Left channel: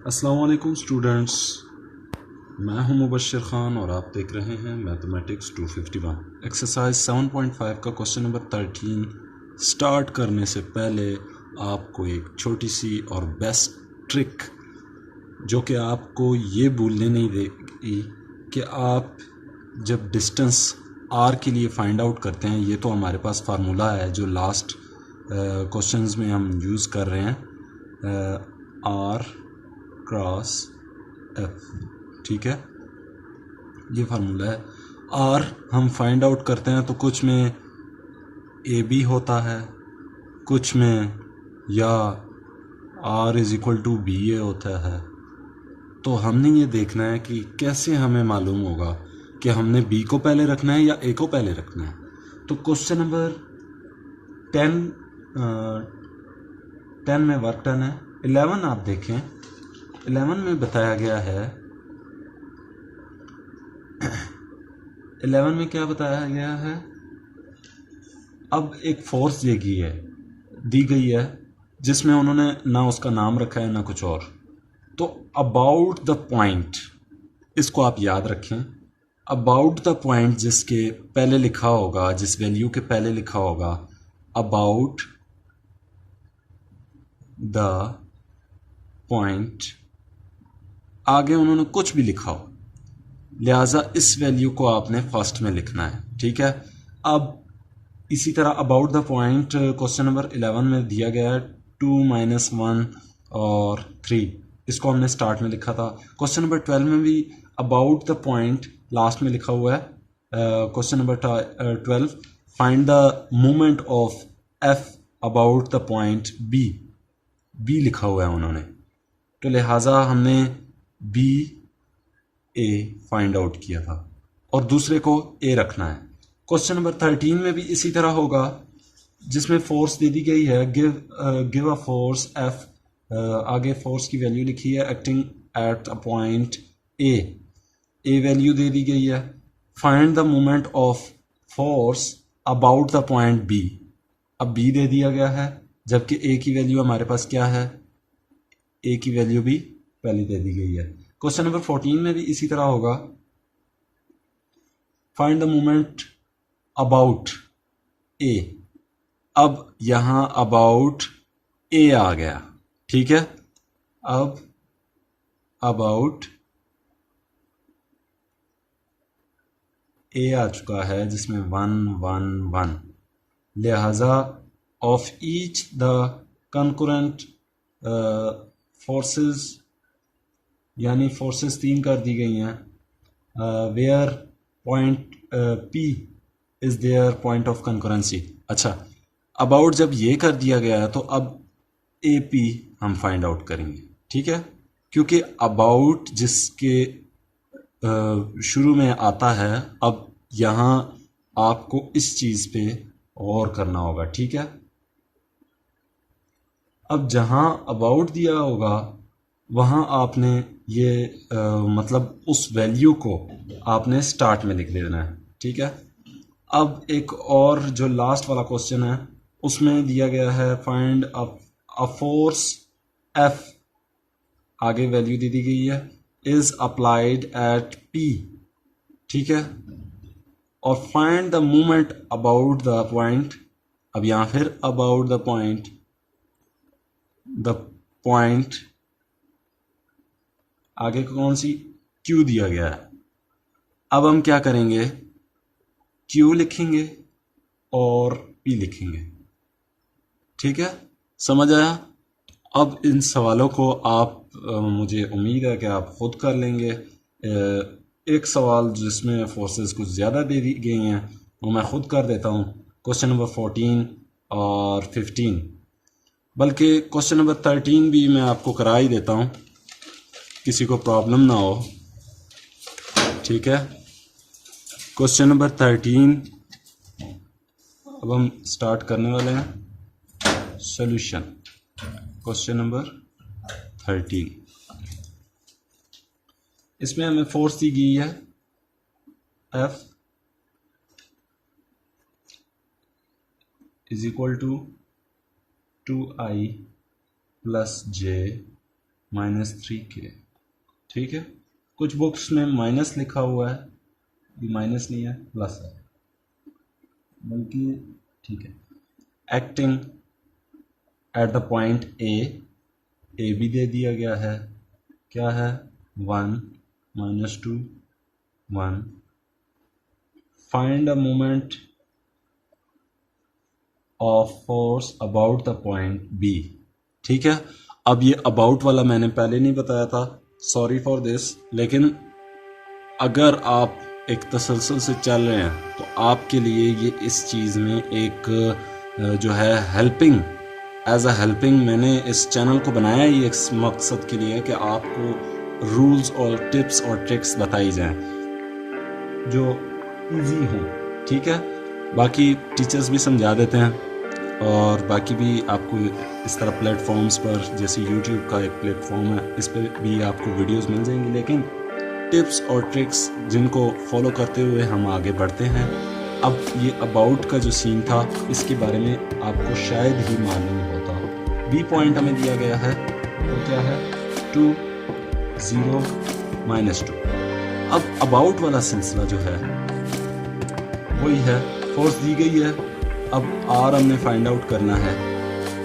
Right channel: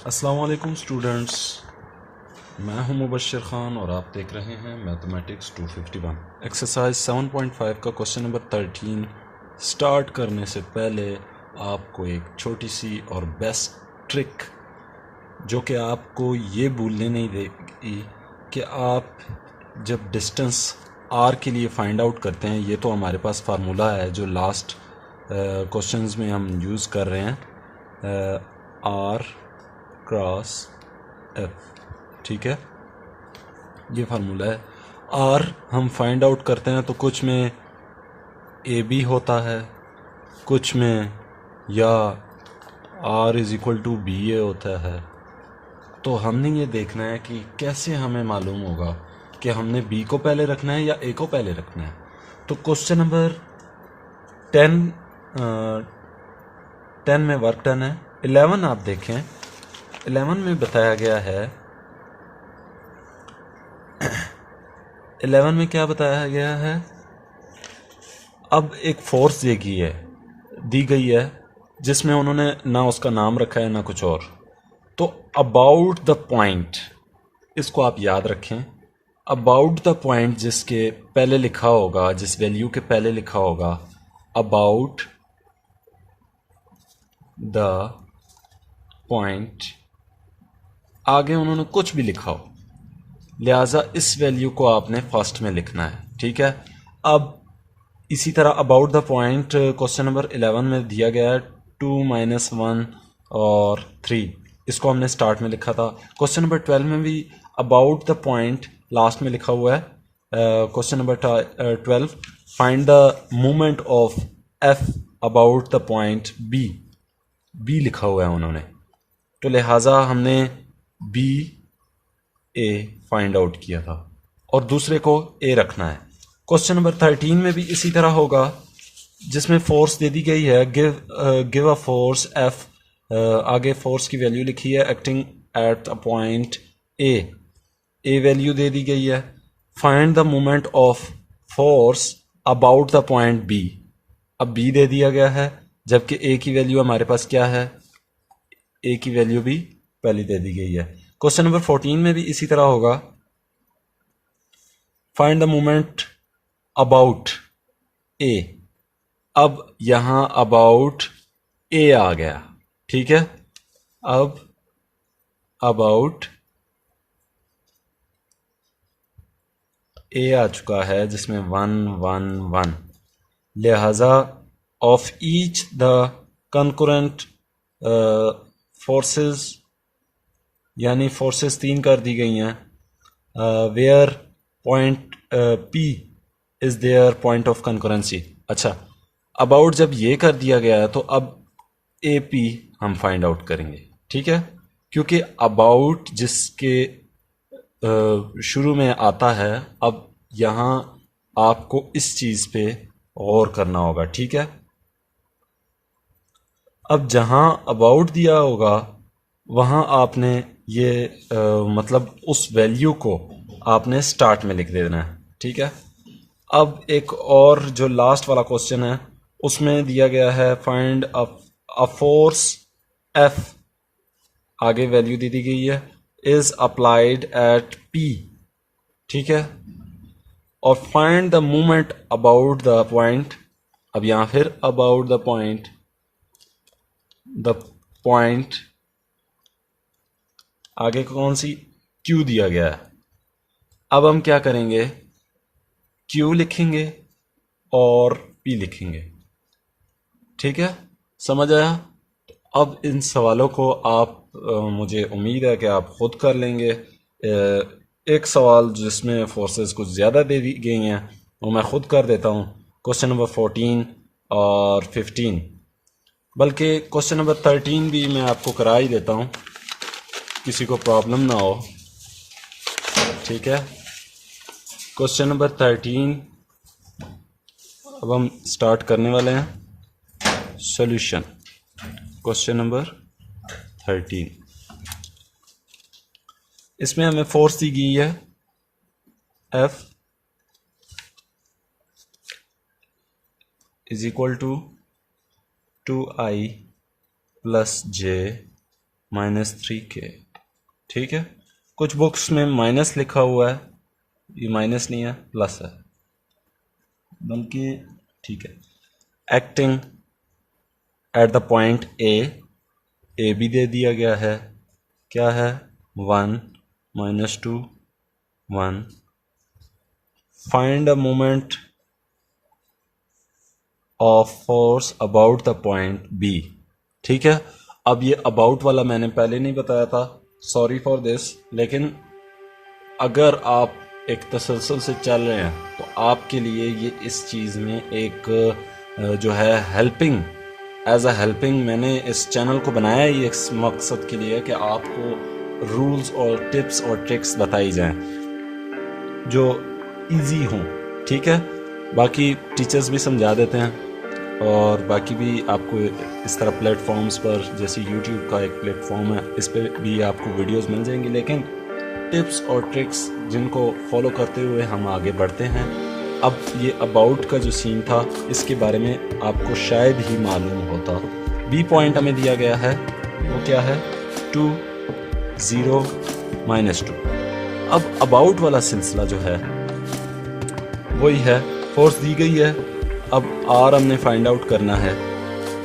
अस्सलाम वालेकुम स्टूडेंट्स, मैं हूं मुबश्शिर ख़ान और आप देख रहे हैं मैथमेटिक्स 251 एक्सरसाइज 7.5 का क्वेश्चन नंबर 13। स्टार्ट करने से पहले आपको एक छोटी सी और बेस्ट ट्रिक जो कि आपको ये भूलने नहीं देगी कि आप जब डिस्टेंस आर के लिए फाइंड आउट करते हैं, ये तो हमारे पास फार्मूला है जो लास्ट क्वेश्चंस में हम यूज़ कर रहे हैं, आर क्रॉस एफ। ठीक है, ये फार्मूला है। आर हम फाइंड आउट करते हैं तो कुछ में ए बी होता है, कुछ में या R is equal to B A होता है। तो हमने ये देखना है कि कैसे हमें मालूम होगा कि हमने बी को पहले रखना है या ए को पहले रखना है। तो क्वेश्चन नंबर 10 में वर्क डन है। 11 आप देखें, 11 में बताया गया है, 11 में क्या बताया गया है। अब एक फोर्स दी गई है जिसमें उन्होंने ना उसका नाम रखा है ना कुछ और। तो अबाउट द पॉइंट, इसको आप याद रखें। अबाउट द पॉइंट जिसके पहले लिखा होगा, जिस वैल्यू के पहले लिखा होगा अबाउट द पॉइंट, आगे उन्होंने कुछ भी लिखा हो, लिहाजा इस वैल्यू को आपने फर्स्ट में लिखना है। ठीक है, अब इसी तरह about the point question number 11 में दिया गया है 2 - 1 और 3, इसको हमने स्टार्ट में लिखा था। क्वेश्चन नंबर 12 में भी अबाउट द पॉइंट लास्ट में लिखा हुआ है। Question number 12, find the movement of F about the point B लिखा हुआ है उन्होंने, तो लिहाजा हमने बी ए फाइंड आउट किया था और दूसरे को ए रखना है। क्वेश्चन नंबर 13 में भी इसी तरह होगा, जिसमें फोर्स दे दी गई है, गिव अ फोर्स एफ, आगे फोर्स की वैल्यू लिखी है acting at a point A value दे दी गई है। Find the moment of force about the point B, अब बी दे दिया गया है जबकि ए की वैल्यू हमारे पास क्या है, ए की वैल्यू भी पहले दे दी गई है। क्वेश्चन नंबर 14 में भी इसी तरह होगा, फाइंड द मोमेंट अबाउट ए। अब यहां अबाउट ए आ गया। ठीक है, अब अबाउट ए आ चुका है जिसमें 1 1 1, लिहाजा of each the concurrent forces, यानी फोर्सेस 3 कर दी गई हैं, where point P is there point of concurrency. अच्छा, अबाउट जब ये कर दिया गया है तो अब ए पी हम फाइंड आउट करेंगे। ठीक है, क्योंकि अबाउट जिसके शुरू में आता है, अब यहाँ आपको इस चीज़ पे गौर करना होगा। ठीक है, अब जहाँ अबाउट दिया होगा वहाँ आपने ये मतलब उस वैल्यू को आपने स्टार्ट में लिख देना है। ठीक है, अब एक और जो लास्ट वाला क्वेश्चन है उसमें दिया गया है फाइंड अ फोर्स एफ, आगे वैल्यू दे दी गई है इज अप्लाइड एट पी। ठीक है, और find the movement about the point, अब यहाँ फिर अबाउट द पॉइंट आगे कौन सी क्यू दिया गया है। अब हम क्या करेंगे, क्यू लिखेंगे और पी लिखेंगे। ठीक है, समझ आया। अब इन सवालों को आप मुझे उम्मीद है कि आप खुद कर लेंगे। एक सवाल जिसमें फोर्सेस कुछ ज़्यादा दे दी गई हैं वो मैं खुद कर देता हूँ, क्वेश्चन नंबर 14 और 15, बल्कि क्वेश्चन नंबर 13 भी मैं आपको करा ही देता हूँ, किसी को प्रॉब्लम ना हो। ठीक है, क्वेश्चन नंबर 13 अब हम स्टार्ट करने वाले हैं। सॉल्यूशन क्वेश्चन नंबर 13, इसमें हमें फोर्स दी गई है F is equal to 2i + j -3k। ठीक है, कुछ बुक्स में माइनस लिखा हुआ है, ये माइनस नहीं है, प्लस है, बल्कि ठीक है। Acting at the point A भी दे दिया गया है, क्या है 1 -2 1। Find a moment of force about the point B. ठीक है, अब ये अबाउट वाला मैंने पहले नहीं बताया था, सॉरी फॉर दिस, लेकिन अगर आप एक तसलसल से चल रहे हैं तो आपके लिए ये इस चीज़ में एक जो है हेल्पिंग, एज अ हेल्पिंग मैंने इस चैनल को बनाया ही इस मकसद के लिए कि आपको रूल्स और टिप्स और ट्रिक्स बताई जाएं जो इजी हों। ठीक है, बाकी टीचर्स भी समझा देते हैं, और बाकी भी आपको इस तरह प्लेटफॉर्म्स पर, जैसे यूट्यूब का एक प्लेटफॉर्म है, इस पर भी आपको वीडियोस मिल जाएंगी, लेकिन टिप्स और ट्रिक्स जिनको फॉलो करते हुए हम आगे बढ़ते हैं। अब ये अबाउट का जो सीन था, इसके बारे में आपको शायद ही मालूम होता। बी पॉइंट हमें दिया गया है, वो क्या है 2 0 -2। अब अबाउट वाला सिलसिला जो है वही है, फोर्स दी गई है, अब आर हमने फाइंड आउट करना है।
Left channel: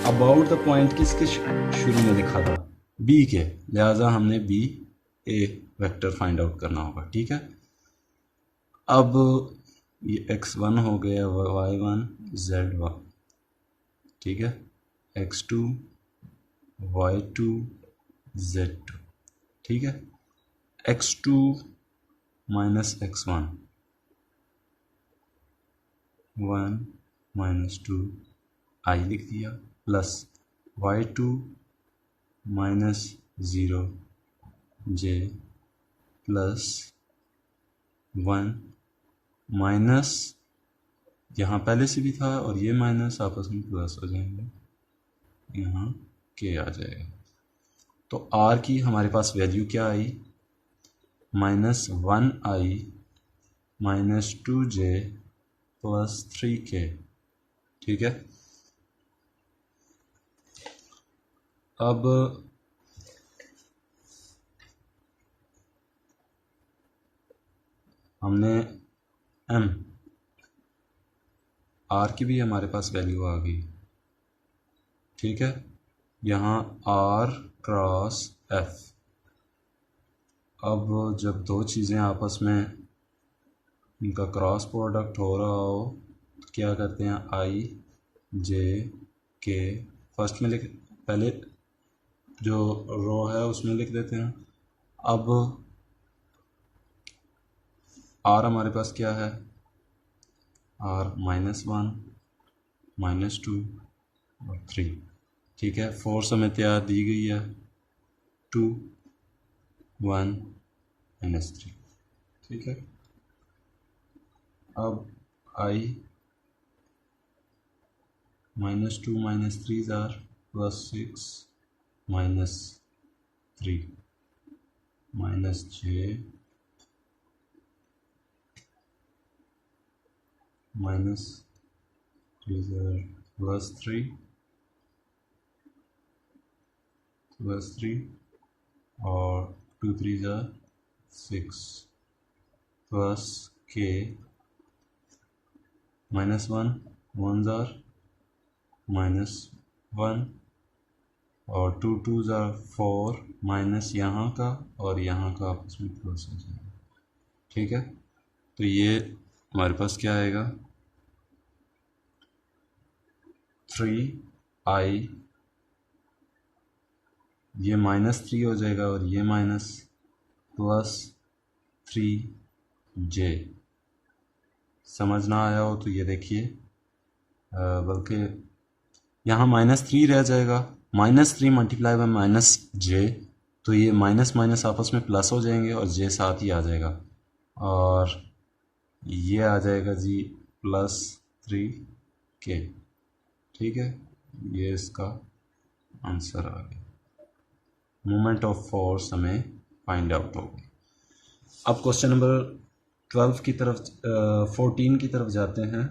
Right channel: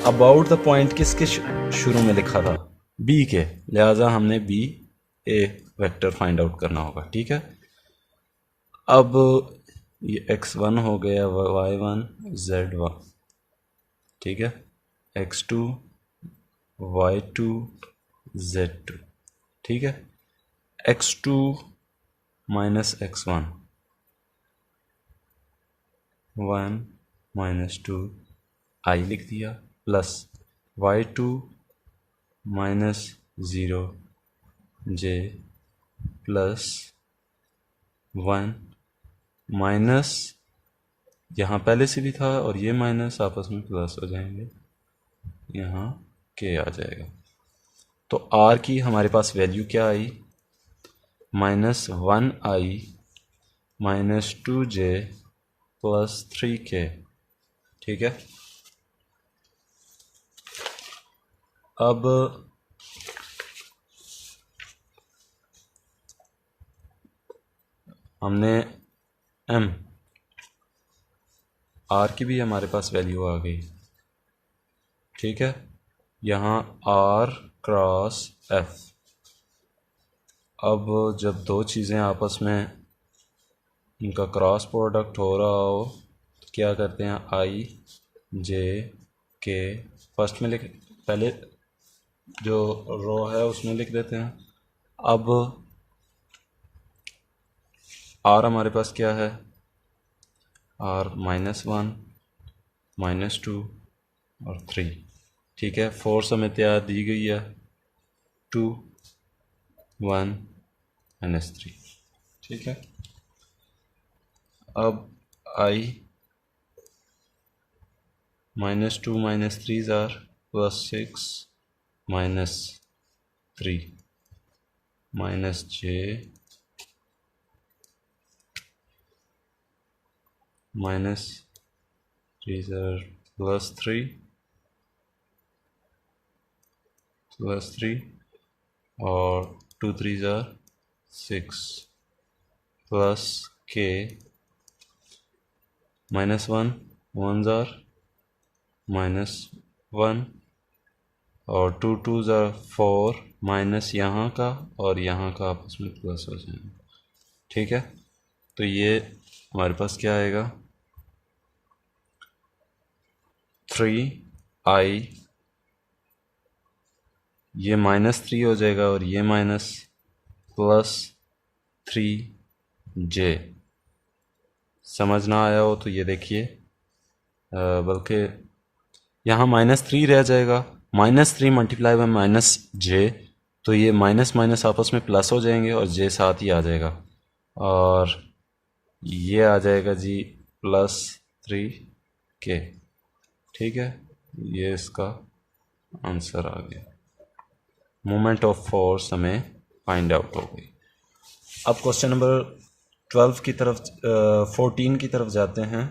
अबाउट द पॉइंट किसके शुरू में लिखा था, बी के, लिहाजा हमने बी ए वेक्टर फाइंड आउट करना होगा। ठीक है, अब ये x1 हो गया, y1 z1, ठीक है, x2 y2 z2, ठीक है, x2 -x1 1 -2 i लिख दिया, plus y2 -0 j plus 1 minus, यहाँ पहले से भी था और ये माइनस आपस में प्लस हो जाएंगे, यहाँ के आ जाएगा। तो r की हमारे पास वैल्यू क्या आई, -1i -2j प्लस 3k। ठीक है, अब हमने m r की भी हमारे पास वैल्यू आ गई। ठीक है, यहाँ r क्रॉस f, अब जब दो चीज़ें आपस में इनका क्रॉस प्रोडक्ट हो रहा हो तो क्या करते हैं, i j k फर्स्ट में लिख, पहले जो रो है उसमें लिख देते हैं। अब r हमारे पास क्या है, r -1 -2 और 3। ठीक है, फोर्स हमें तैयार दी गई है 2 1 -3। ठीक है, अब i -2 -3 आर +6 -3 -j -3 are +3 और 2 3 are 6 plus k -1 1s are -1 और 2 2s are 4 माइनस यहाँ का और यहाँ का आपस में प्लस हो जाएगा। ठीक है, तो ये हमारे पास क्या आएगा, 3i, ये -3 हो जाएगा और ये माइनस, प्लस 3j। समझ ना आया हो तो ये देखिए, बल्कि यहाँ -3 रह जाएगा, -3 मल्टीप्लाई बाय -j, तो ये माइनस माइनस आपस में प्लस हो जाएंगे और j साथ ही आ जाएगा, और ये आ जाएगा जी +3k। ठीक है, ये इसका आंसर आ गया। मोमेंट ऑफ फोर्स हमें फाइंड आउट हो गई। अब क्वेश्चन नंबर 12 की तरफ 14 की तरफ जाते हैं,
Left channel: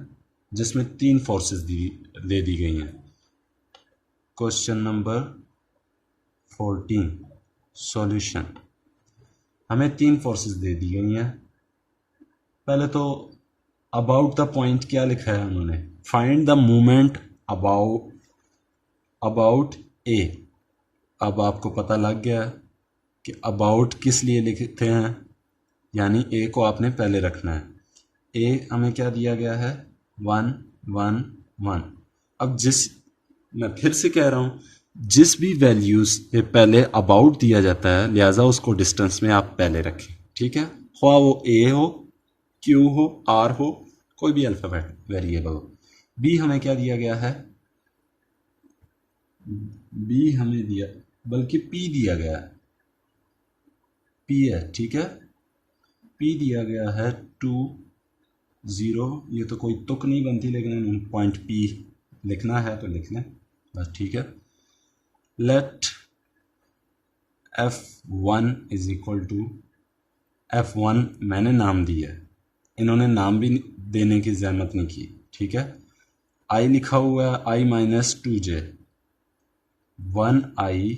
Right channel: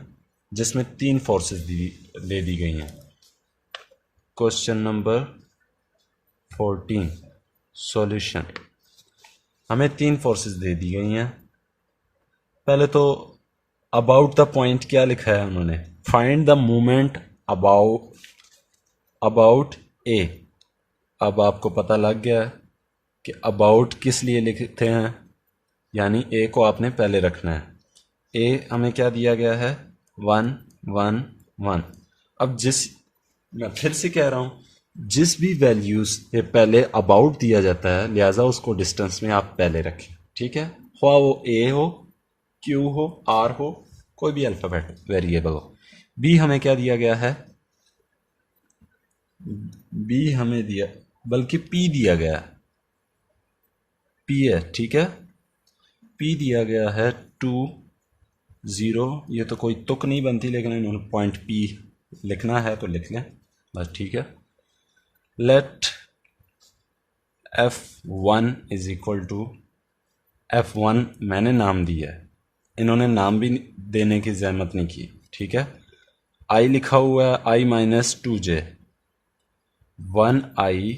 जिसमें 3 फोर्सेस दे दी गई हैं। Question number 14, solution. हमें 3 फोर्सेस दे दी गई हैं। पहले तो अबाउट द पॉइंट क्या लिखा है उन्होंने, फाइंड द मोमेंट अबाउट ए। अब आपको पता लग गया कि अबाउट किस लिए लिखते हैं, यानी ए को आपने पहले रखना है। ए हमें क्या दिया गया है, 1 1 1। अब मैं फिर से कह रहा हूँ, जिस भी वैल्यूज से पहले अबाउट दिया जाता है लिहाजा उसको डिस्टेंस में आप पहले रखें, ठीक है। ख्वाह वो ए हो, क्यू हो, आर हो, कोई भी अल्फ़ाबेट वेरिएबल हो। बी हमें क्या दिया गया है, बी हमें दिया, बल्कि पी दिया गया है, पी है, ठीक है। पी दिया गया है 2 0। ये तो कोई तुक नहीं बनती, लेकिन इन्होंने पॉइंट पी लिखना है तो लिख लें बस, ठीक है। Late F1 is equal to F1 मैंने नाम दिया है, इन्होंने नाम भी देने की जहमत नहीं की, ठीक है। आई लिखा हुआ है I minus 2J, 1I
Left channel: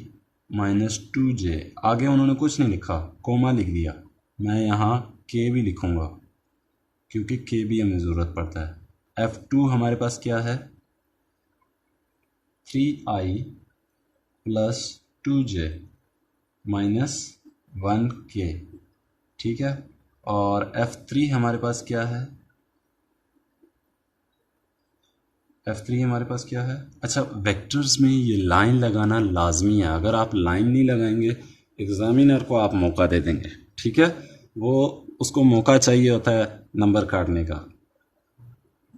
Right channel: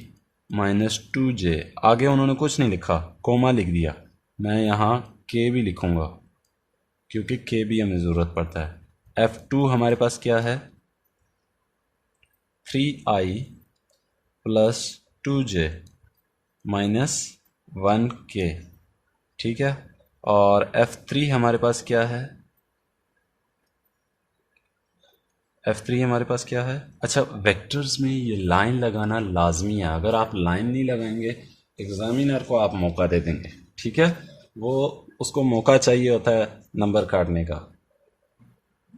minus 2J। आगे उन्होंने कुछ नहीं लिखा, कोमा लिख दिया। मैं यहाँ K भी लिखूँगा क्योंकि K भी हमें ज़रूरत पड़ता है। F2 हमारे पास क्या है, 3I plus 2J minus 1K, ठीक है। और F3 हमारे पास क्या है, F3 हमारे पास क्या है। अच्छा, वेक्टर्स में ये लाइन लगाना लाजमी है, अगर आप लाइन नहीं लगाएंगे एग्जामिनर को आप मौका दे देंगे, ठीक है। वो उसको मौका चाहिए होता है नंबर काटने का,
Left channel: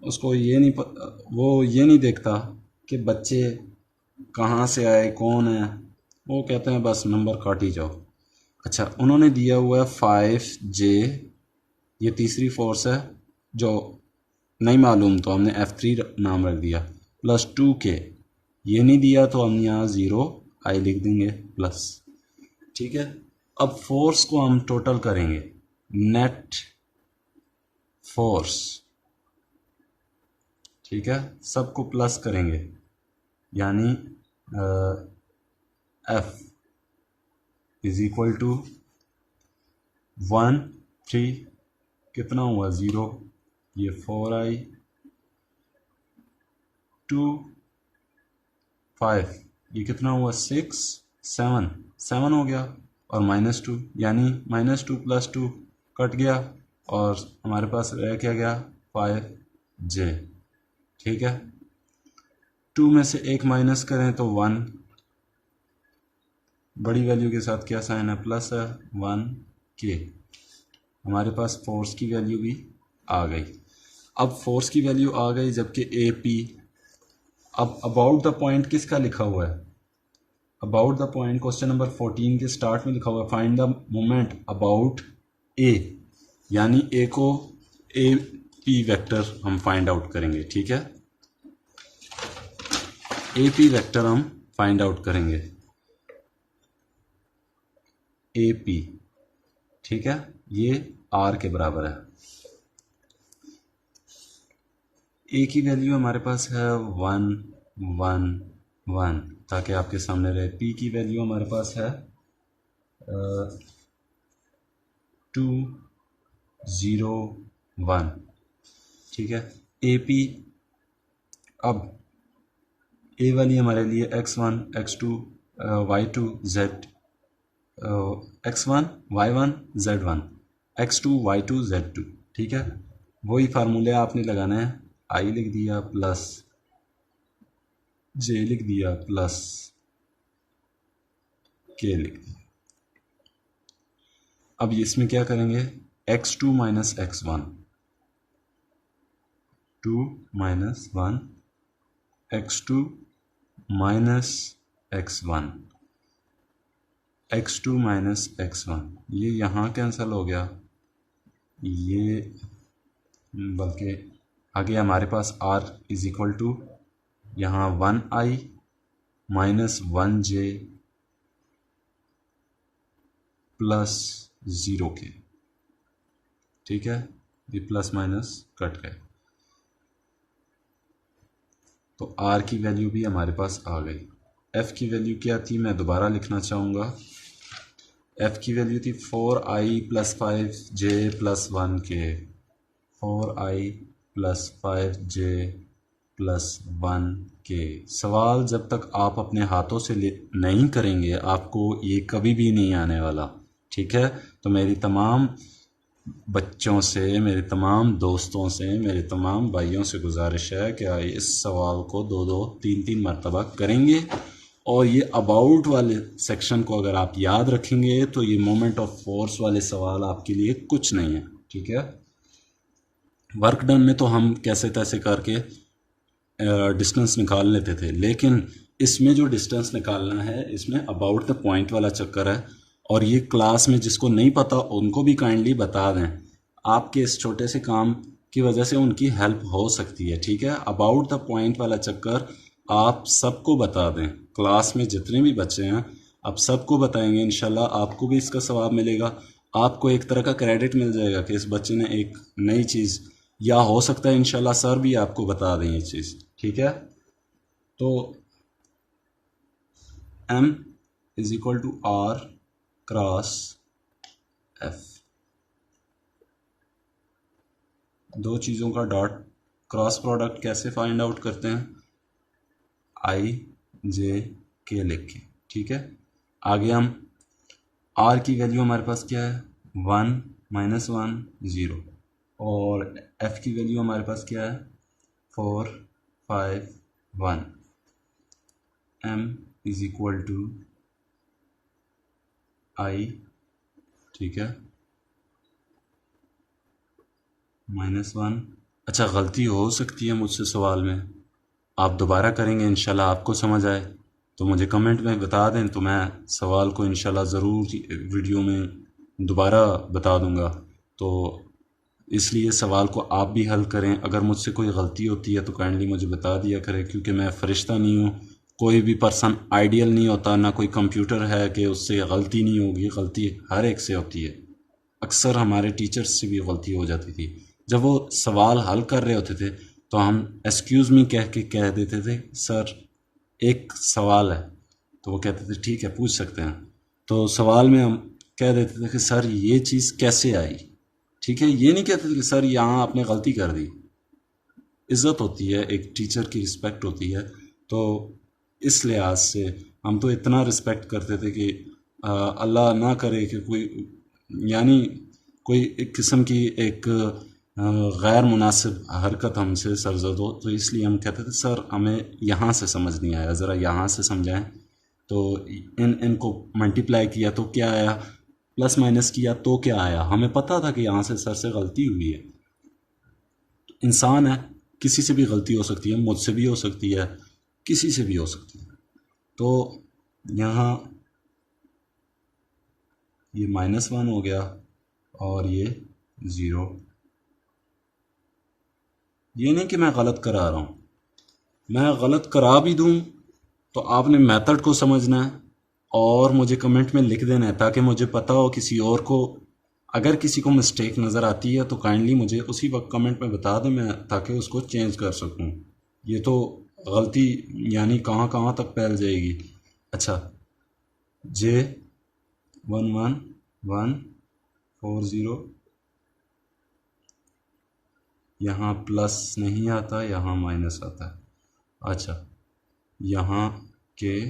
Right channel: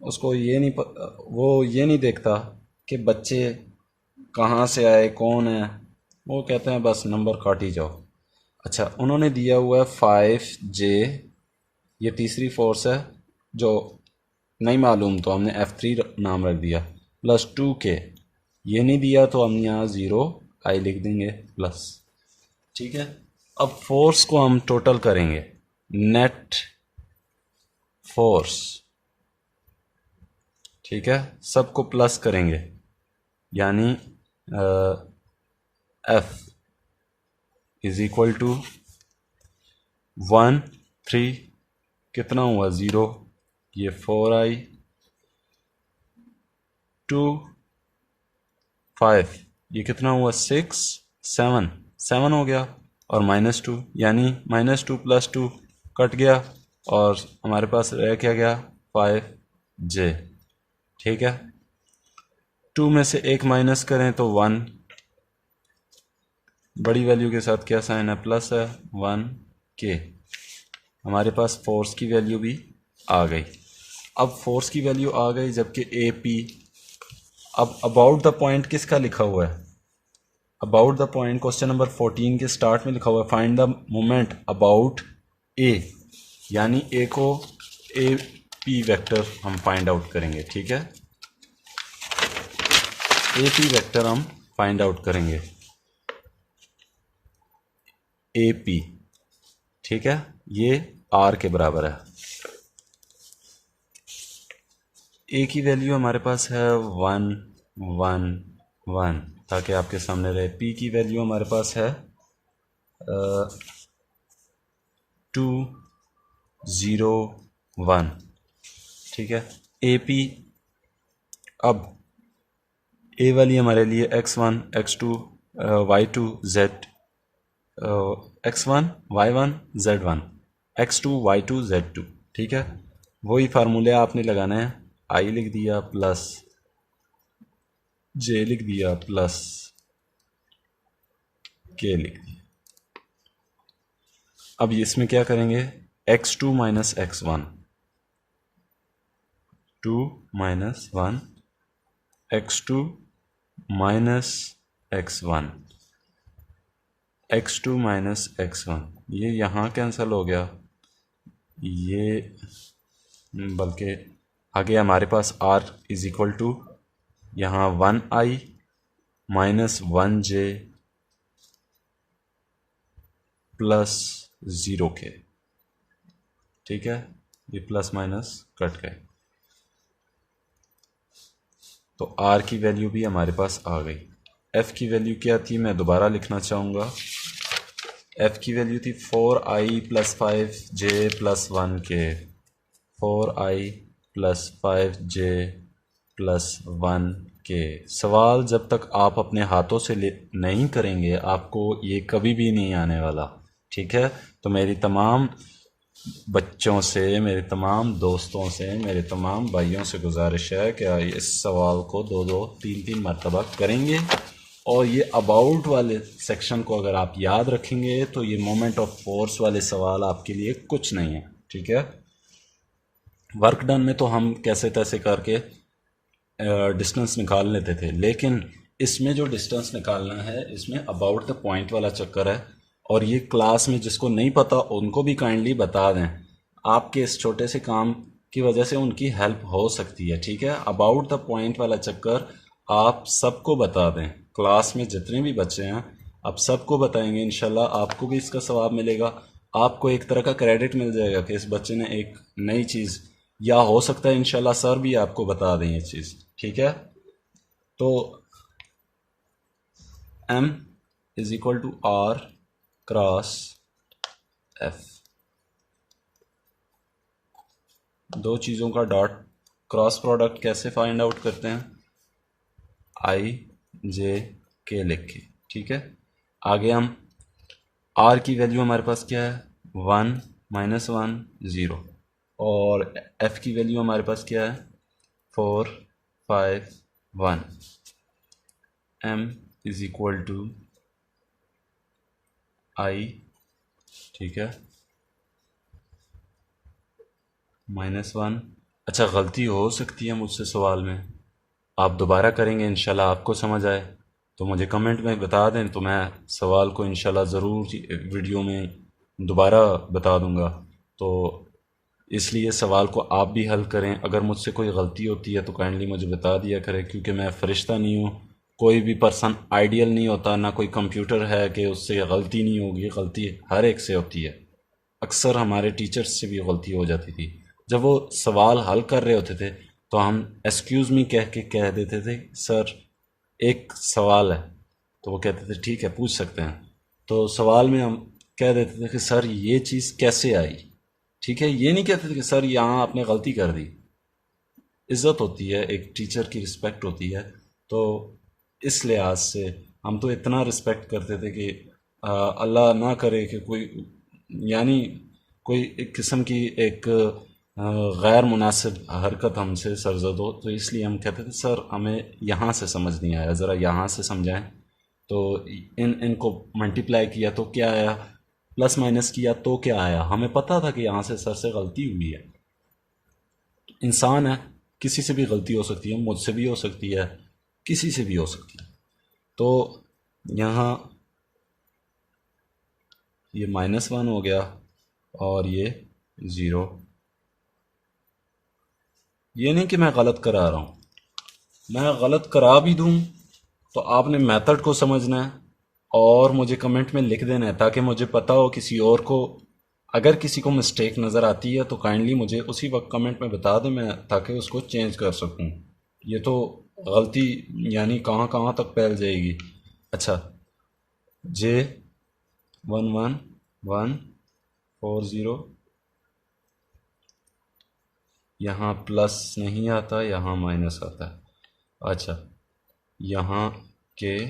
उसको वो ये नहीं देखता कि बच्चे कहाँ से आए, कौन है, वो कहते हैं बस नंबर काट ही जाओ। अच्छा, उन्होंने दिया हुआ है 5J, ये तीसरी फोर्स है जो नहीं मालूम तो हमने F3 नाम रख दिया, प्लस 2K। ये नहीं दिया तो हम यहाँ 0I लिख देंगे प्लस, ठीक है। अब फोर्स को हम टोटल करेंगे, नेट फोर्स, ठीक है, सबको प्लस करेंगे, यानी F इज इक्वल टू 1 3 कितना हुआ 0, ये 4I 2 5, ये कितना हुआ 6 7 हो गया, और -2, यानी -2 + 2 कट गया और हमारे पास रह क्या गया 5J, ठीक है। 2 में से 1 माइनस करें तो 1, बड़ी वैल्यू के साथ क्या साइन है, प्लस है, 1K। हमारे पास फोर्स की वैल्यू भी आ गई। अब फोर्स की वैल्यू आ गई, जबकि AP। अब अबाउट द पॉइंट किसका लिखा हुआ है, about the point question number 14 के स्टार्ट में लिखा हुआ है find the moment about A, यानी A को AP वेक्टर हम फाइंड आउट करेंगे, ठीक है। AP वेक्टर हम फाइंड आउट करेंगे, AP, ठीक है, ये R के बराबर है। A की वैल्यू हमारे पास है 1 1 1, ताकि आपके सामने रहे। P की वैल्यू हमारे पास है 2 0 1, ठीक है। AP, अब A वाली हमारे लिए x1 x2 y2 z, x1 y1 z1, x2 y2 z2, ठीक है। वही फार्मूले आपने लगाना है, I लिख दिया प्लस J लिख दिया प्लस K लिख दिया। अब इसमें क्या करेंगे, x2 minus x1, 2 minus 1, x2 minus x1, x2 minus x1, ये यहाँ कैंसिल हो गया, ये बल्कि आगे हमारे पास R इज इक्वल टू यहाँ 1I minus 1J plus 0K, ठीक है। ये प्लस माइनस कट गए, तो R की वैल्यू भी हमारे पास आ गई। F की वैल्यू क्या थी, मैं दोबारा लिखना चाहूँगा, एफ़ की वैल्यू थी 4i + 5j + 1k, 4i + 5j + 1k। सवाल जब तक आप अपने हाथों से नहीं करेंगे आपको ये कभी भी नहीं आने वाला, ठीक है। तो मेरी तमाम बच्चों से, मेरे तमाम दोस्तों से, मेरे तमाम भाइयों से गुजारिश है कि इस सवाल को 2-2, 3-3 मरतबा करेंगे। और ये अबाउट वाले सेक्शन को अगर आप याद रखेंगे तो ये मोमेंट ऑफ फोर्स वाले सवाल आपके लिए कुछ नहीं है, ठीक है। वर्क डन में तो हम कैसे तैसे करके डिस्टेंस निकाल लेते थे, लेकिन इसमें जो डिस्टेंस निकालना है इसमें अबाउट द पॉइंट वाला चक्कर है। और ये क्लास में जिसको नहीं पता उनको भी काइंडली बता दें, आपके इस छोटे से काम की वजह से उनकी हेल्प हो सकती है, ठीक है। अबाउट द पॉइंट वाला चक्कर आप सबको बता दें, क्लास में जितने भी बच्चे हैं आप सबको बताएंगे, इंशाल्लाह आपको भी इसका सवाब मिलेगा। आपको एक तरह का क्रेडिट मिल जाएगा कि इस बच्चे ने एक नई चीज़, या हो सकता है इंशाल्लाह सर भी आपको बता दें ये चीज़, ठीक है। तो M = R क्रॉस F, दो चीज़ों का डॉट क्रॉस प्रोडक्ट कैसे फाइंड आउट करते हैं, I/J/K लिख के, ठीक है। आगे हम R की वैल्यू हमारे पास क्या है, 1 - 1 0, और F की वैल्यू हमारे पास क्या है, 4 5 1। M = I, ठीक है, -1। अच्छा, गलती हो सकती है मुझसे सवाल में, आप दोबारा करेंगे इंशाल्लाह आपको समझ आए तो मुझे कमेंट में बता दें, तो मैं सवाल को इंशाल्लाह ज़रूर वीडियो में दोबारा बता दूंगा। तो इसलिए सवाल को आप भी हल करें, अगर मुझसे कोई गलती होती है तो काइंडली मुझे बता दिया करें, क्योंकि मैं फ़रिश्ता नहीं हूँ, कोई भी पर्सन आइडियल नहीं होता, ना कोई कंप्यूटर है कि उससे गलती नहीं होगी, गलती हर एक से होती है। अक्सर हमारे टीचर्स से भी गलती हो जाती थी, जब वो सवाल हल कर रहे होते थे तो हम एक्सक्यूज़ मी कह के कह देते थे सर एक सवाल है, तो वो कहते थे ठीक है पूछ सकते हैं। तो सवाल में हम कह देते थे कि सर ये चीज़ कैसे आई, ठीक है। ये नहीं कहते थे कि सर यहाँ आपने गलती कर दी। इज़्ज़त होती है, एक टीचर की रिस्पेक्ट होती है, तो इस लिहाज से हम तो इतना रिस्पेक्ट करते थे कि अल्लाह ना करे कि कोई, यानी कोई एक किस्म की एक गैर मुनासिब हरकत हमसे सरजद हो, तो इसलिए हम कहते थे सर हमें यहाँ से समझ नहीं आया, ज़रा यहाँ से समझाएं। तो इनको मल्टीप्लाई किया तो क्या आया, प्लस माइनस किया तो क्या आया, हमें पता था कि यहाँ से सर से गलती हुई है। इंसान है, किसी से भी गलती हो सकती है, मुझसे भी हो सकती है, किसी से भी हो सकती है। तो यहाँ ये -1 हो गया और ये 0। ये नहीं कि मैं गलत करा रहा हूँ, मैं गलत करा भी दूँ तो आपने मेथड को समझना है और मुझे कमेंट में लिख देना है, ताकि मुझे पता हो किसी और को, अगर किसी को मिस्टेक नज़र आती है तो काइंडली मुझे उसी वक्त कमेंट में बता दें, मैं ताकि उसको चेंज कर सकूं। ये तो गलती यानी कहाँ कहाँ तक फैल जाएगी। अच्छा, J114140, यहाँ प्लस नहीं आता, यहाँ माइनस आता है। अच्छा, यहाँ के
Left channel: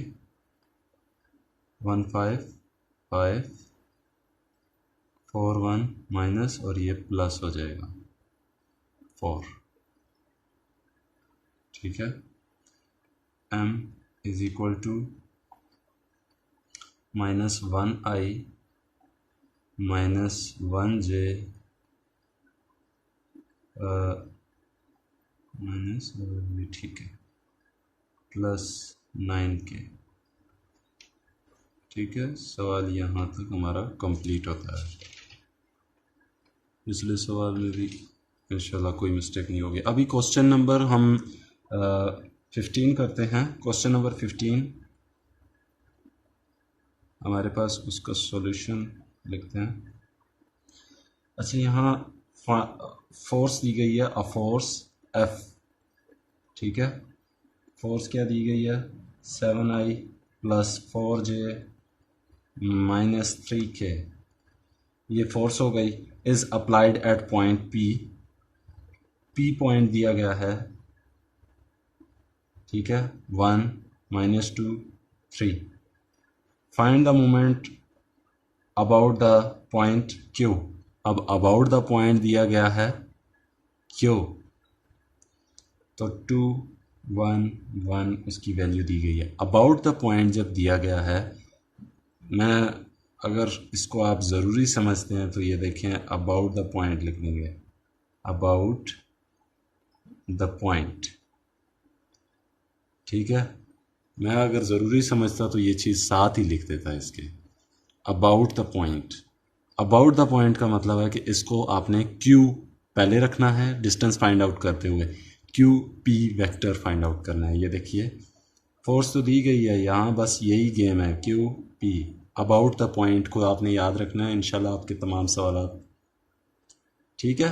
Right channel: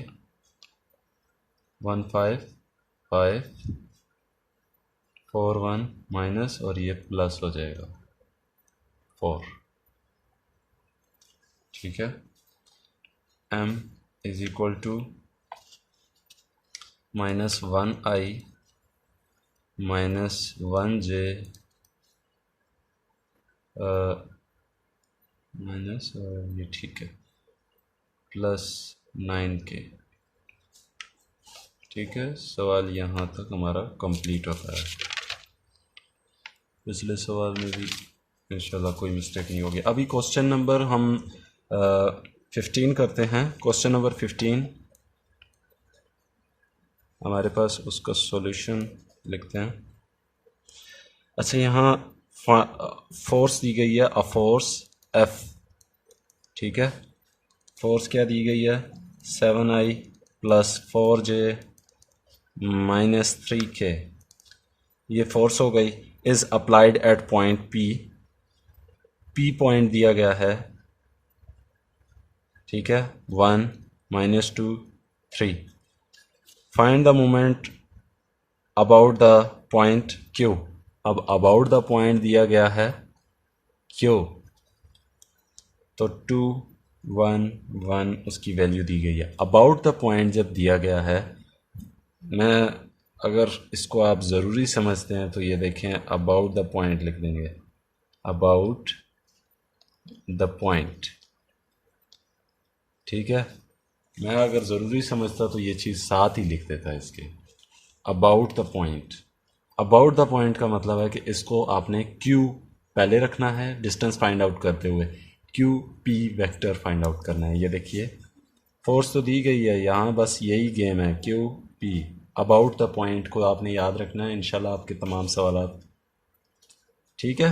15541 माइनस और ये प्लस हो जाएगा 4, ठीक है। M = -1i -1j माइनस, ये ठीक है, +9k, ठीक है। सवाल यहाँ तक हमारा कंप्लीट होता है। पिछले सवाल में भी इंशाल्लाह कोई मिस्टेक नहीं होगी। अभी क्वेश्चन नंबर हम 15 करते हैं। क्वेश्चन नंबर 15 हमारे पास, उसका सॉल्यूशन लिखते हैं। अच्छा, यहाँ फोर्स दी गई है, अ फोर्स F, ठीक है। फोर्स क्या दी गई है, 7i + 4j -3k, ये फोर्स हो गई, is applied at point P, P point दिया गया है, ठीक है, 1 -2 3। Find the moment about the point Q. अब अबाउट द पॉइंट दिया गया है क्यू, तो 2 1 1 उसकी वैल्यू दी गई है। अबाउट द पॉइंट जब दिया गया है, मैं अगर इसको आप ज़रूरी समझते हैं तो ये देखें, अबाउट द पॉइंट लिख देंगे, अबाउट द पॉइंट, ठीक है। मैं अगर ज़रूरी समझता तो ये चीज़ साथ ही लिख देता इसके, about the point. About the point का मतलब है कि इसको आपने क्यू पहले रखना है डिस्टेंस फाइंड आउट करते हुए, Q P vector find out करना है। ये देखिए फोर्स तो दी गई है यहाँ, बस यही गेम है, Q P. About the point को आपने याद रखना है, इंशाल्लाह आपके तमाम सवाल, ठीक है।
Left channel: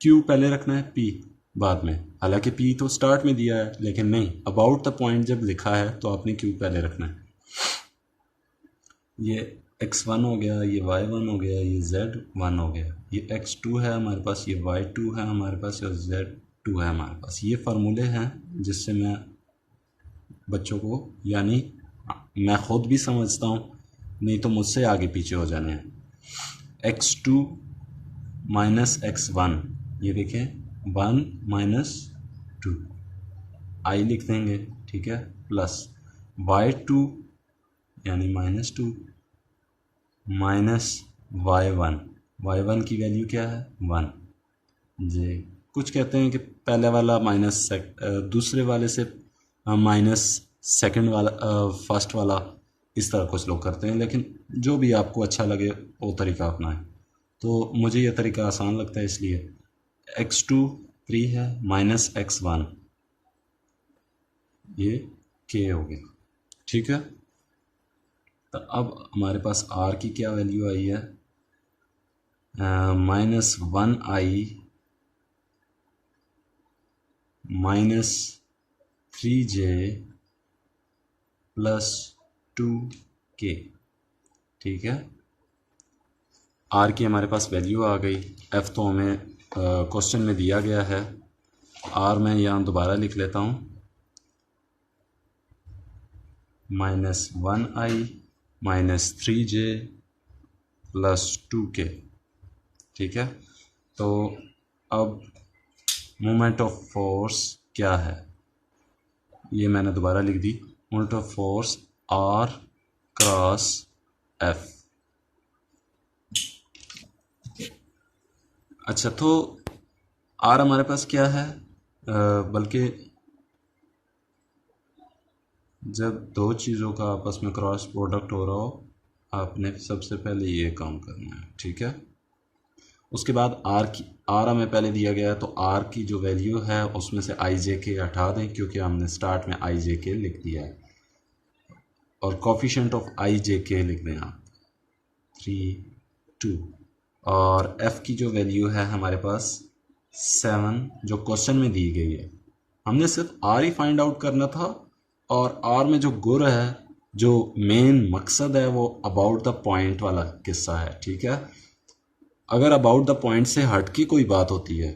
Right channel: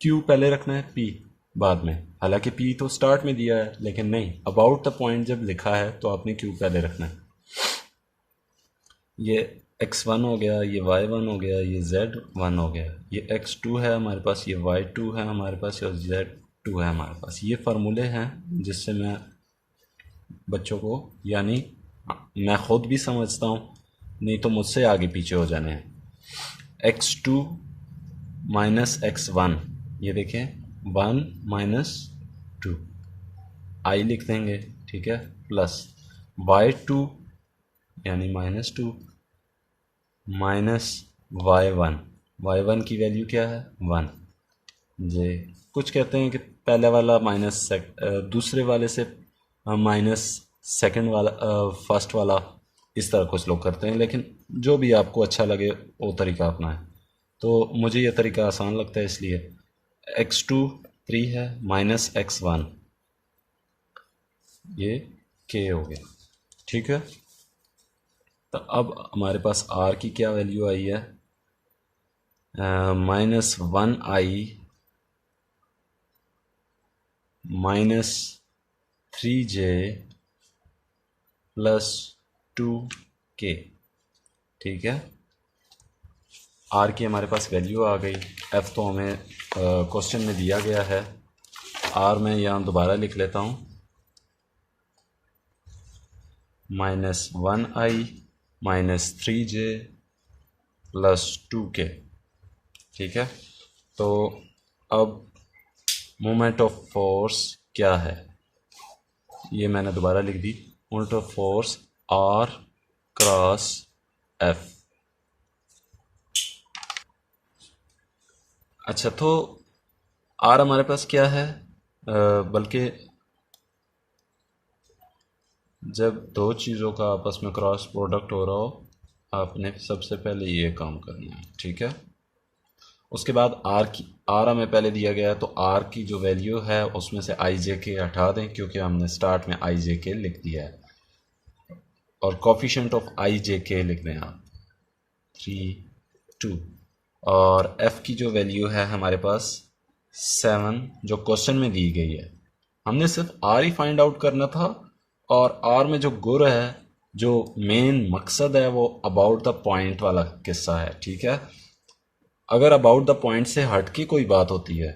क्यू पहले रखना है, पी बाद में, हालांकि पी तो स्टार्ट में दिया है, लेकिन नहीं, अबाउट द पॉइंट जब लिखा है तो आपने क्यू पहले रखना है। ये x1 हो गया, ये y1 हो गया, ये z1 हो गया, ये x2 है हमारे पास, ये y2 है हमारे पास, और z2 है हमारे पास। ये फार्मूले हैं जिससे मैं बच्चों को, यानी मैं ख़ुद भी समझता हूँ, नहीं तो मुझसे आगे पीछे हो जाने हैं। x2 -x1, ये देखें 1 -2, आई लिख देंगे, ठीक है, प्लस y2 यानी -2 -y1, y1 की वैल्यू क्या है 1 जे। कुछ कहते हैं कि पहले वाला दूसरे वाले से माइनस सेकंड वाला फर्स्ट वाला, इस तरह कुछ लोग करते हैं, लेकिन जो भी आपको अच्छा लगे वो तरीका अपना है। तो मुझे ये तरीका आसान लगता है, इसलिए x2 3 है, -x1, ये k हो गया, ठीक है। तो अब हमारे पास r की क्या वैल्यू आई है, -1i -3j +2k, ठीक है। आर की हमारे पास वैल्यू आ गई, एफ़ तो हमें क्वेश्चन में दिया गया है। आर मैं यहाँ दोबारा लिख लेता हूँ, -1i -3j +2k, ठीक है। तो अब मोमेंट ऑफ फोर्स क्या है, ये मैंने दोबारा लिख दी, moment of force R cross F. अच्छा, तो आर हमारे पास क्या है, बल्कि जब दो चीज़ों का आपस में क्रॉस प्रोडक्ट हो रहा हो, आपने सबसे पहले ये काम करना है, ठीक है। उसके बाद आर हमें पहले दिया गया है, तो आर की जो वैल्यू है उसमें से आई जे के हटा दें, क्योंकि हमने स्टार्ट में आई जे के लिख दिया है, और कोफिशिएंट ऑफ आई जे के लिख दें आप 3 2। और एफ़ की जो वैल्यू है हमारे पास 7, जो क्वेश्चन में दी गई है। हमने सिर्फ आर ही फाइंड आउट करना था, और आर में जो गुर है, जो मेन मकसद है, वो अबाउट द पॉइंट वाला किस्सा है, ठीक है। अगर अबाउट द पॉइंट से हट की कोई बात होती है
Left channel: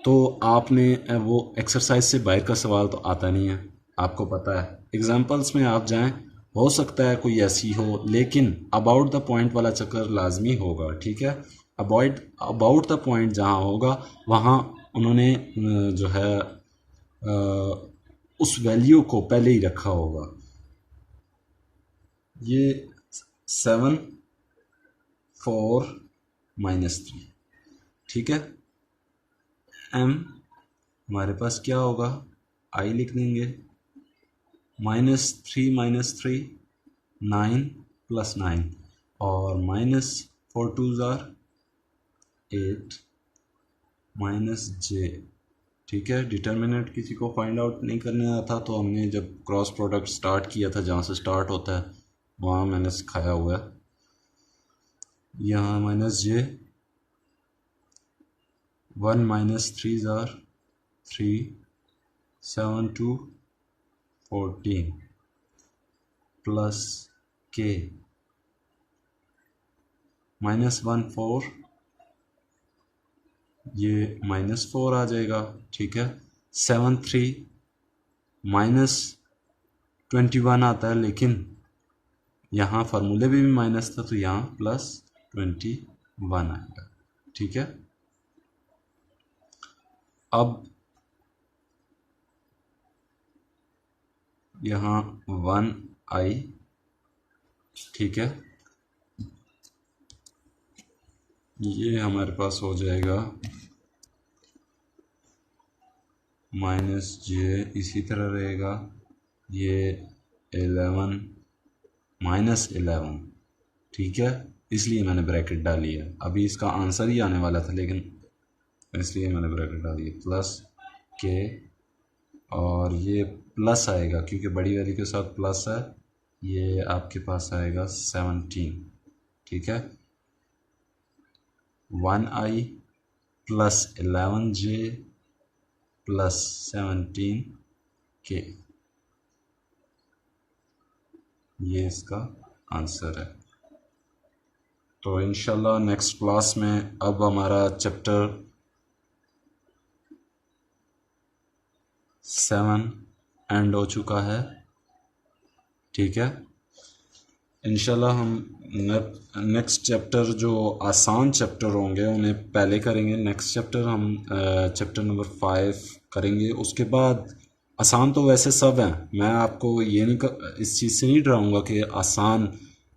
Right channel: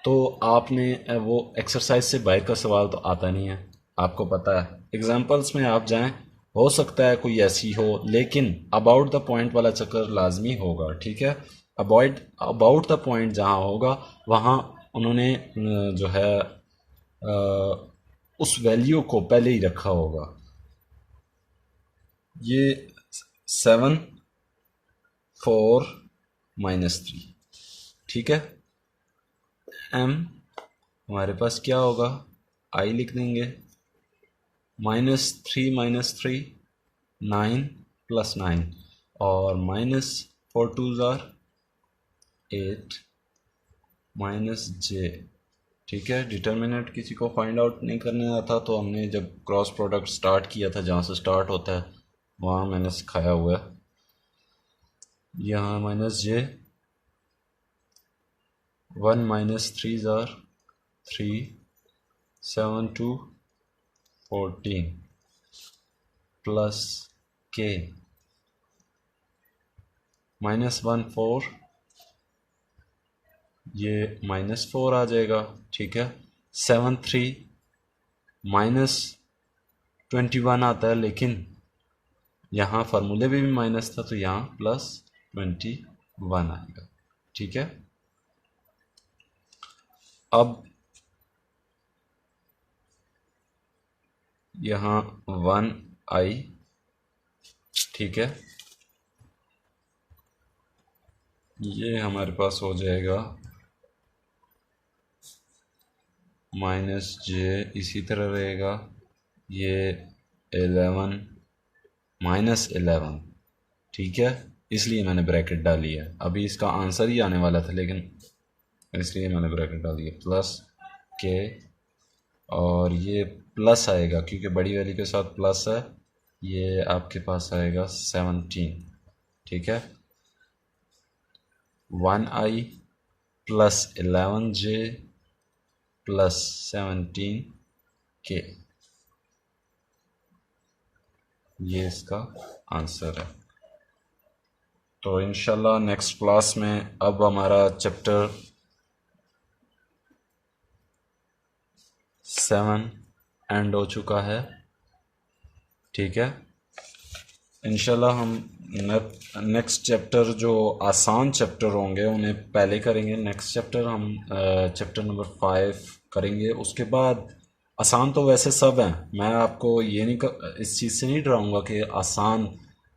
तो आपने वो एक्सरसाइज से बाहर का सवाल तो आता नहीं है, आपको पता है। एग्जांपल्स में आप जाएं, हो सकता है कोई ऐसी हो, लेकिन अबाउट द पॉइंट वाला चक्कर लाजमी होगा, ठीक है। अबाउट द पॉइंट जहाँ होगा वहाँ उन्होंने जो है उस वैल्यू को पहले ही रखा होगा। ये 7 4 -3, ठीक है। एम हमारे पास क्या होगा, आई लिख देंगे, -3 9 +9, और -4 2 8 -j, ठीक है। डिटर्मिनेंट किसी को फाइंड आउट नहीं करने आता, तो हमने जब क्रॉस प्रोडक्ट स्टार्ट किया था, जहाँ से स्टार्ट होता है वहाँ मैंने सिखाया हुआ है। यहाँ -j, 1 -3 3 7 2 14 +k, -1 4, ये -4 आ जाएगा, ठीक है। 7 3 -21 आता है, लेकिन यहाँ फार्मूले में भी माइनस था तो यहाँ +21 आएगा, ठीक है। अब यहाँ 1i, ठीक है, ये हमारे पास हो जाएगा -j, इसी तरह रहेगा, ये 11 -11, ठीक है, इसलिए मैंने ब्रैकेट डाली है। अभी इसका आंसर ही आने वाला था, लेकिन इसलिए मैंने ब्रैकेट डाली है, प्लस के, और ये प्लस आएगा क्योंकि बड़ी वैल्यू के साथ प्लस है, ये आपके पास आएगा 17, ठीक है। 1i plus 11j plus 17k, ये इसका आंसर है। तो इंशाल्लाह नेक्स्ट क्लास में अब हमारा चैप्टर 7 एंड हो चुका है, ठीक है। इंशाल्लाह हम नेक्स्ट चैप्टर जो आसान चैप्टर होंगे उन्हें पहले करेंगे। नेक्स्ट चैप्टर हम चैप्टर नंबर 5 करेंगे। उसके बाद आसान तो वैसे सब हैं, मैं आपको ये नहीं इस चीज़ से नहीं डराऊंगा कि आसान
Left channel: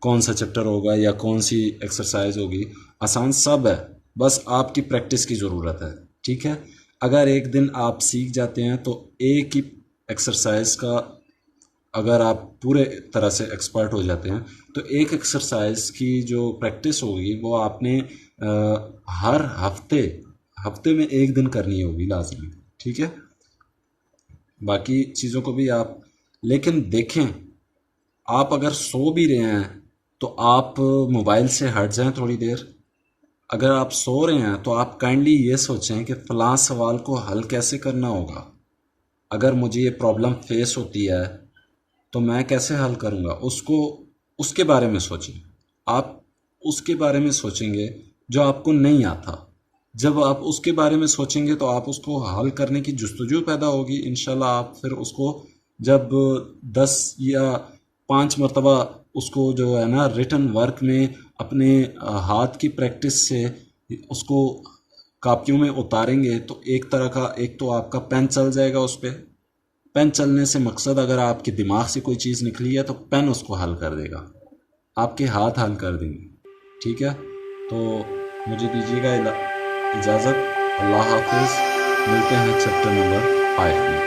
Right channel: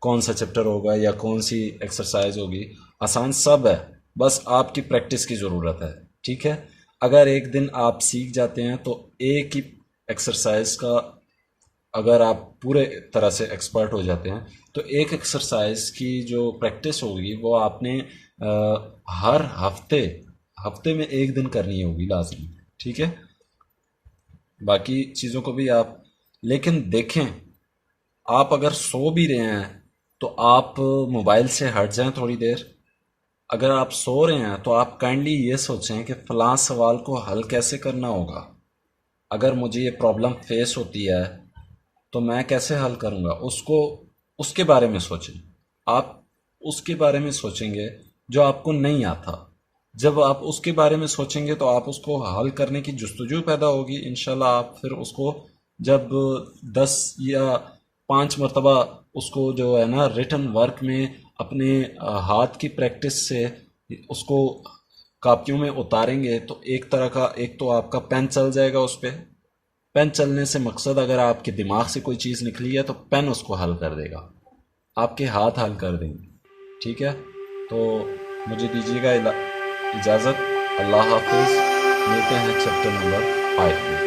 कौन सा चैप्टर होगा या कौन सी एक्सरसाइज होगी। आसान सब है, बस आपकी प्रैक्टिस की ज़रूरत है, ठीक है। अगर एक दिन आप सीख जाते हैं तो एक ही एक्सरसाइज का अगर आप पूरे तरह से एक्सपर्ट हो जाते हैं तो एक एक्सरसाइज की जो प्रैक्टिस होगी वो आपने हर हफ्ते में एक दिन करनी होगी लाजमी, ठीक है। बाकी चीज़ों को भी आप लेकिन देखें, आप अगर सो भी रहे हैं तो आप मोबाइल से हट जाएं थोड़ी देर। अगर आप सो रहे हैं तो आप काइंडली ये सोचें कि फ़लाँ सवाल को हल कैसे करना होगा। अगर मुझे ये प्रॉब्लम फेस होती है तो मैं कैसे हल करूँगा, उसके बारे में सोचें। आप उसके बारे में सोचेंगे जो आपको नहीं आता। जब आप उसके बारे में सोचेंगे तो आप उसको हल करने की जुस्तजू पैदा होगी। इंशाल्लाह आप फिर उसको जब 10 या 5 मरतबा उसको जो है ना रिटन वर्क में अपने हाथ की प्रैक्टिस से उसको कापियों में उतारेंगे तो एक तरह का, एक तो आपका पेन चल जाएगा उस पर। पेन चलने से मकसद, अगर आपके दिमाग से कोई चीज़ निकली है तो पेन उसको हल कर देगा, आपके हाथ हल कर देंगे, ठीक है। तो मुझे दीजिएगा इजाज़त। अल्लाह हाफिज़। मिलते हैं चैप्टर नंबर 5 में।